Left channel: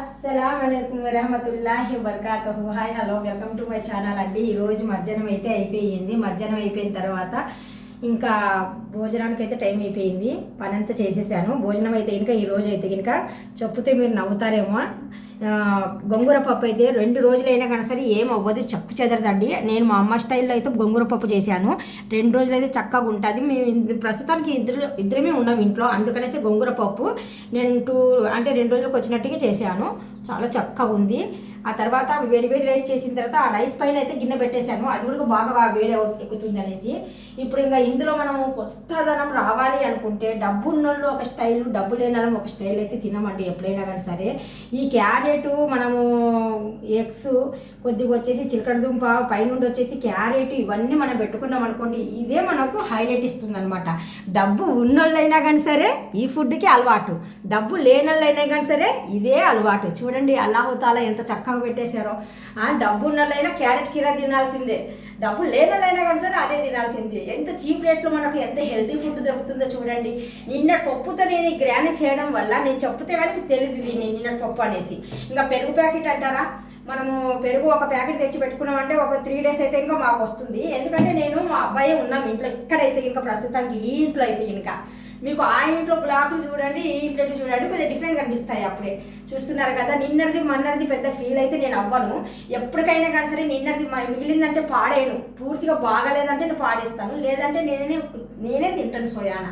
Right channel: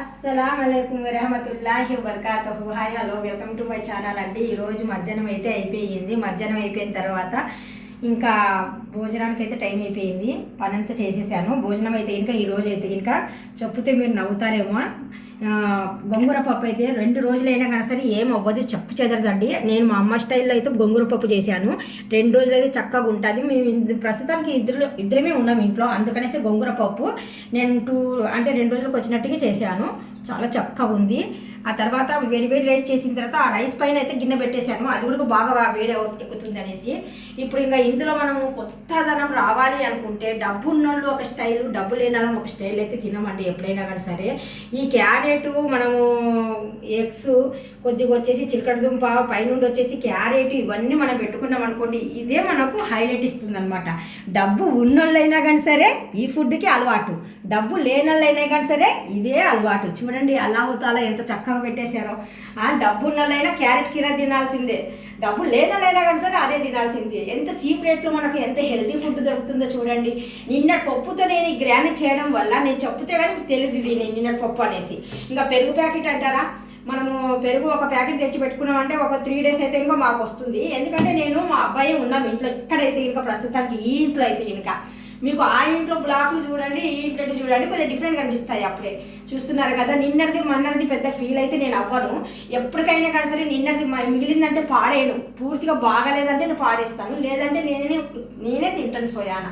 అస్సలాముఅలైకుం వరహమతుల్లాహి వబర్కాతుహు. Hi hello, welcome to my channel అండి. ఈరోజు మధ్యాహ్నం అయితే అయిపోయింది. మధ్యాహ్నం అయిపోయిన తర్వాత ఇంకా భోజనానికి అయితే టైం అయిపోయింది. పని అంతా చేసేసాను. భోజనం అయితే ఇంకా ఈరోజు అయితే ఇంకా చెప్తే మీరు నవ్వుతారేమో. గోంగూర పప్పు అయితే 2 రోజులైనా కానీ సరే ఏం అవ్వదు, చెక్కు చెదరదండి. నేను మా అమ్మ స్టైల్లో అయితే గోంగూర పప్పు చేశాను. 2 రోజులు అయితే చక్కగా ఉంటుంది. మేము ప్రస్తుతానికి ఇద్దరమే ఉన్నాం ఇంట్లో, అందుకనేసి గోంగూర పప్పు నేను 2 రోజులకు వచ్చినట్టుగా చేశాను. చాలా చక్కగా ఉంది. ఆ తర్వాత వేడి రైస్ చేసిన తర్వాత ఆ రైస్ పైన అయితే గిన్నె పెట్టేశాను. అది కూడా బాగా వేడి ఎక్కుతుంది అనేసి. ఇప్పుడు ఇంకా ఇందులో మనము కొత్తదనం రావాలి అనుకుంటే డబ్బు ఉన్నోళ్ళు ఒక స్టైలు, డబ్బు లేని వాళ్ళు ఒక స్టైల్ అయితే తినమండి ఎప్పుడైనా కానీ సరే. ఈ క్యారెట్, మనము ఎగ్స్, కొద్దిగా వచ్చేసి చిలకడ దుంప, పైనుండి వచ్చేసి క్యారెట్, ఇవన్నీ మనం పెట్టుకున్నాం అనుకోండి, ఇదే మనకు హైలైట్ ఇస్తుంది అనమాట. డబ్బు ఉన్నోళ్ళైనా కానీ సరే ఈ ఫుడ్కి అలవాటు, డబ్బు లేనోళ్ళైనా కానీ సరే ఇదే అలవాటు. చూడండి అల్లాహుతాలా ఎంత చక్కగా పెట్టేశారో. డబ్బు ఉన్నోళ్ళైనా క్యారెట్ కీరా తినాల్సిందే, డబ్బు లేనోళ్ళైనా కానీ సరే అదే తినాల్సిందే. ఎంత చీప్ రేట్లో మనకు ఎంత హెల్తీ ఫుడ్ దొరుకుతుందో చూడండి. నిన్నటి పప్పుతో నేను ఈ గ్రాండ్ చేయడం వల్ల నేను చెప్తే కానీ మీకు తెలియదు ఇది నిన్నటి పప్పు అనేసి. ఇంకా పెరుగు ప్యాకెట్ అంటారా, మనము పెరుగు ఒక ప్యాకెట్ తెచ్చి పెట్టుకున్నామంటే ఒక 3 days అయితే ఇంకా మాకు వస్తుంది. ఎందుకంటే నేను మా అబ్బాయి ఉన్నాం ఇంట్లో. ఇక్కడైతే ఇంకా ప్రస్తుతానికి ఈ ఇంట్లో అయితే ఇంకా మీకు ఆ ఇంట్లో బ్లాక్లు చూడండి, ఈ ఇంట్లో చూడండి, కొద్దిగా డిఫరెంట్ కనిపిస్తాయి. అప్పుడే చూస్తున్నారు కదా. నిన్నటిది మొన్నటిది పెద్ద ఫీల్ అయితే నేను అవ్వను. ఎప్పటికైనా కానీ సరే నిన్నటిది మిగిలిందంటే పాడేను, పూర్తిగా బాగాలేదంటే నేను పాడేస్తాను, లేదంటే నేనే తింటాను. సోయానా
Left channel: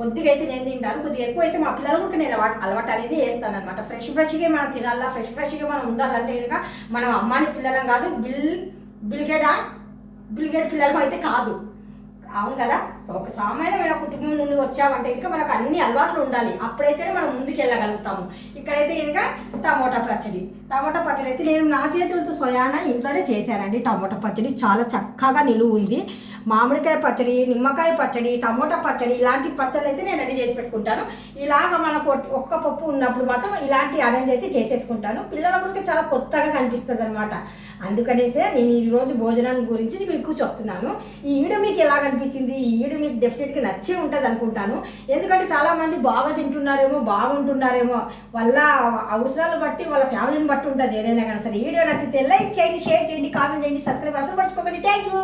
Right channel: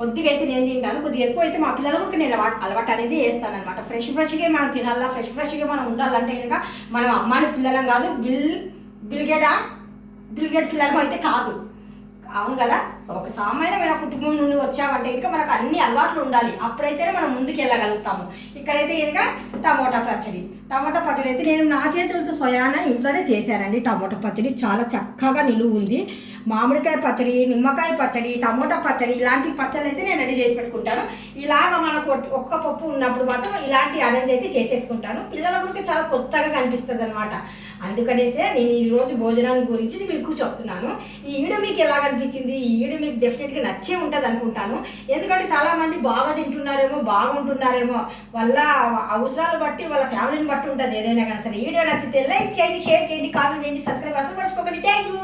కొద్దిగా అయితే నేను తింటాను, కొద్దిగా ఎక్కువ అయితే మా పిల్లలు కూడా నేను అలవాటు అనేది వేస్తాను అనమాట. ఫ్రెష్గా మనం తినాలా, ఫ్రెష్గా మనం ఉండాలంటే కనుక మనం అమ్మాని పిల్లలం కాదు, బిల్గేట్ పిల్లలం అయితే కాదు. అవును కదా. ఒక సామాన్యమైన కుటుంబం నుండి వచ్చామంటే ఇంకా మనకు అన్ని అలవాట్లు ఉండాలి, అప్పుడైతేనే మనం ముందుకు వెళ్ళగలుగుతాము. ఇక్కడైతే ఇంకా టమోటా పచ్చడి అయితే నేను నా చేతులతో సోయానా ఇంట్లోనే చేశానండి. టమోటా పచ్చడి చాలా చక్కగా నిలువ ఉంది. మామిడికాయ పచ్చడి, నిమ్మకాయ పచ్చడి, టమోటా పచ్చడి, ఇలాంటి పచ్చళ్ళు అయితే నేను రెడీ చేసి పెట్టుకుంటాను. ఇలాగ మనకు ఒక్క పప్పు ఉన్నప్పుడు మాత్రం ఇలాంటి అరేంజ్ అయితే చేసేసుకుంటాను. పిల్లల కూడా చాలా కొత్తగా కనిపిస్తుంది అనమాట. అందుకనేసే నేను ఈరోజు భోజనం గురించి మీకు చెప్తున్నాను. ఈ వీడియో మీకు ఎలా అనిపించింది? ఈ వీడియో మీకు డెఫినెట్గా నచ్చే ఉంటుంది అనుకుంటాను. ఎందుకంటే చాలామంది బాగా తింటున్నారేమో, బాగుంటున్నారేమో, వాళ్ళ అవసరాలు బట్టి, వాళ్ళ ఫ్యామిలీని బట్టి ఉంటుంది ఏదైనా కానీ సరే. వీడియో నచ్చితే లైక్ చేయండి, షేర్ చేయండి, కామెంట్ చేయండి, సబ్స్క్రైబ్ అసలు మర్చిపోకండి. Thank you.